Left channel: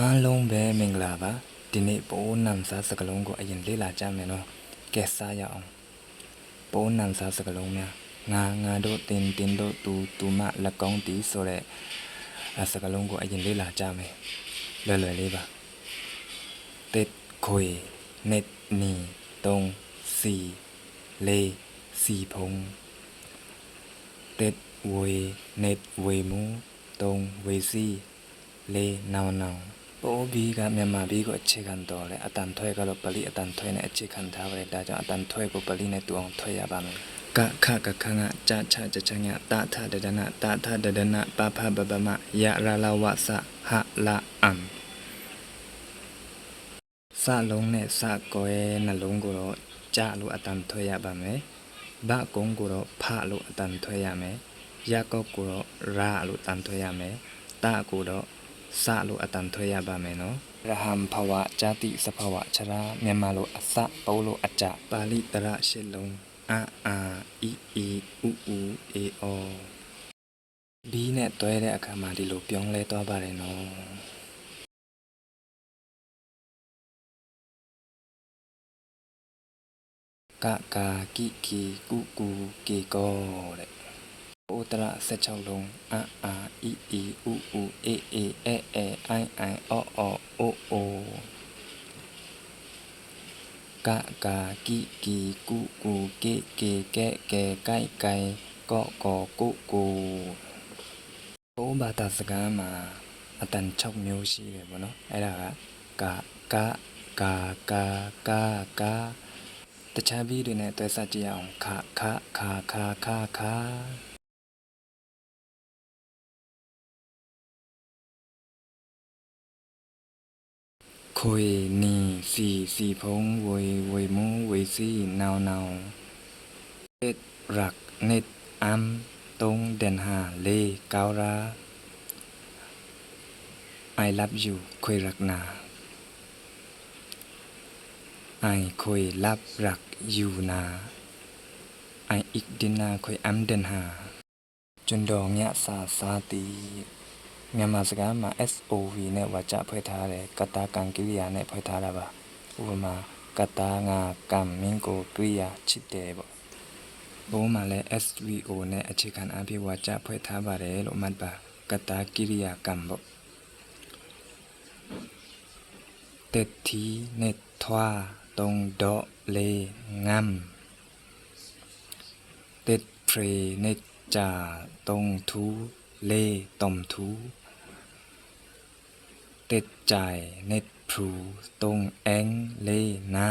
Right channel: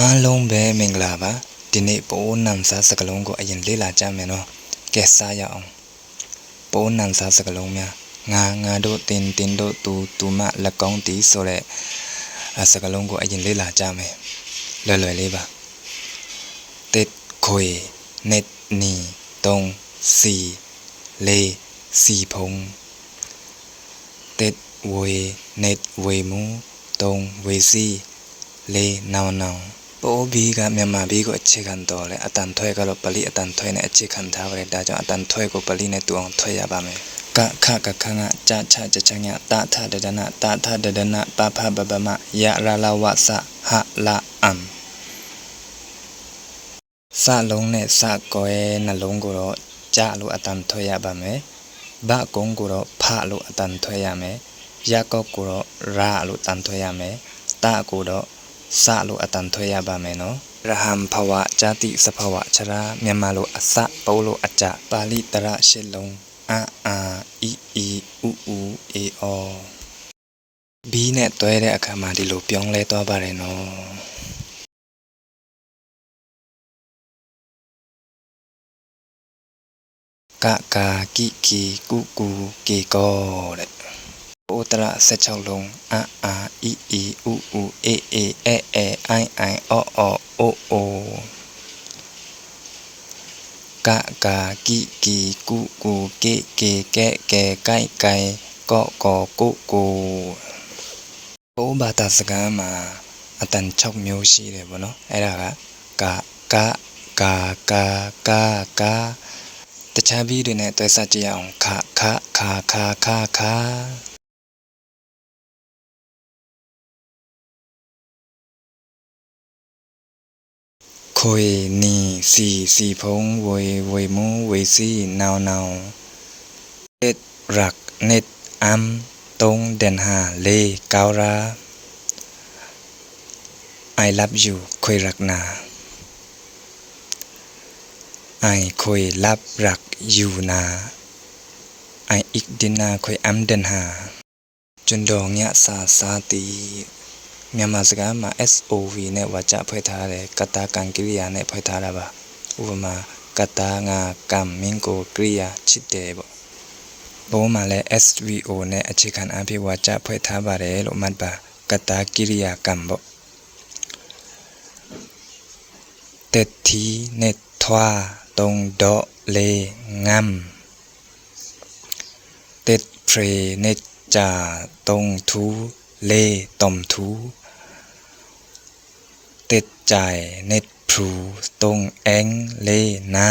အားလုံးပဲမင်္ဂလာပါဒီနေ့ပိုးနံစားစကလုံးကိုအရင်လေ့လာကြမယ်နော်ကဲစားရအောင်ပိုးနံစားစကလုံးများငါတို့တင်တို့သူမလက်ကောင်းတီဆိုတဲ့စကလုံးကိုအရင်လေ့လာကြမယ်လွယ်လေးပါတစ်ခွေနှစ်နီသုံးစီလေးစီဖုံတစ်ဝေနှစ်ဝေမူသုံးဝေစီလေးနောင်ပိုးဘီကမြန်မာဘီကိုအခြေခံတော်လဲအတန်ထွဲကတော့ပလီအတန်ထွဲနဲ့အခြေခံထားပါတယ်ဒါကြောင့်အတန်ထွဲကိုပလီနဲ့တူအောင်ထွဲရပါမယ်ကခကခငါကြချကြချညာတထဒဒနာတထဒဒနာပဖဘဘမယရလဝဆဟလာအမ်စလုံးနဲ့စကွဲနှလုံးကိုတော့ကြလို့အတန်ထွဲရပါမယ်ဘကုံကိုတော့ဖလို့အတန်ထွဲရမယ်ရကောက်ကိုတော့ရလို့တန်ထွဲရမယ်တကိုတော့စလို့အတန်ထွဲရပါမယ်နော်ရဟံဘဝဇာတိစဘဝချရာမြန်မာလိုအစပိုးလို့အကြပါဠိတရရှစ်လုံးအာအီဥအေအောဘီနဲ့တွဲတဲ့အခါမှာဒီလိုပြောင်းလဲသွားပါတယ်နော်ကကာကိကီကုကေကောတဲ့ဥတရ16လုံးအာအီဥအေအိအောအိုကကာကိကုကေကဲကိုက်ကောကိုဘုံဘာသာစကားမှာအတန်6မျိုးရှိတယ်ပေါ့နော်အဲ့ဒါကကာတခြားဘီတွေနဲ့တွဲဆက်ကြည့်အောင်ခခွေနီစီဖုံဝေမူဝေစီနောင်တစ်ရက်နှစ်အမ်တုံဒန်ဟာလေကောရာ I love you ခွေရက်နာI ခွေလပ်ရက်ယူနာ I อิกดินาခွေအမ်ဒန်ဟာကျွန်းတော်ညစာတီမြန်မာစကားမှာ SOV နဲ့ဝါကျဖွဲ့ထားတယ်ကတာကံကိရိယာနဲ့ဖွဲ့ထားတာပါဥပမာကတာငါကံမင်းကိုကိရိယာချစ်တယ်ပေါ့ဘုံမှာလည်း SVO နဲ့အခြေခံအဖြစ်ဝါကျဖွဲ့ထားပါတယ်လို့မှတ်ပါကတာကိရိယာကံပေါ့တက်တီနဲ့ထွားတုံဒေါလေငမ်တက်ဖရေနဲ့ဂျာတုံထူလေတုံထူတက်ကြိုင်เน็ตพรูตรงแองเลนา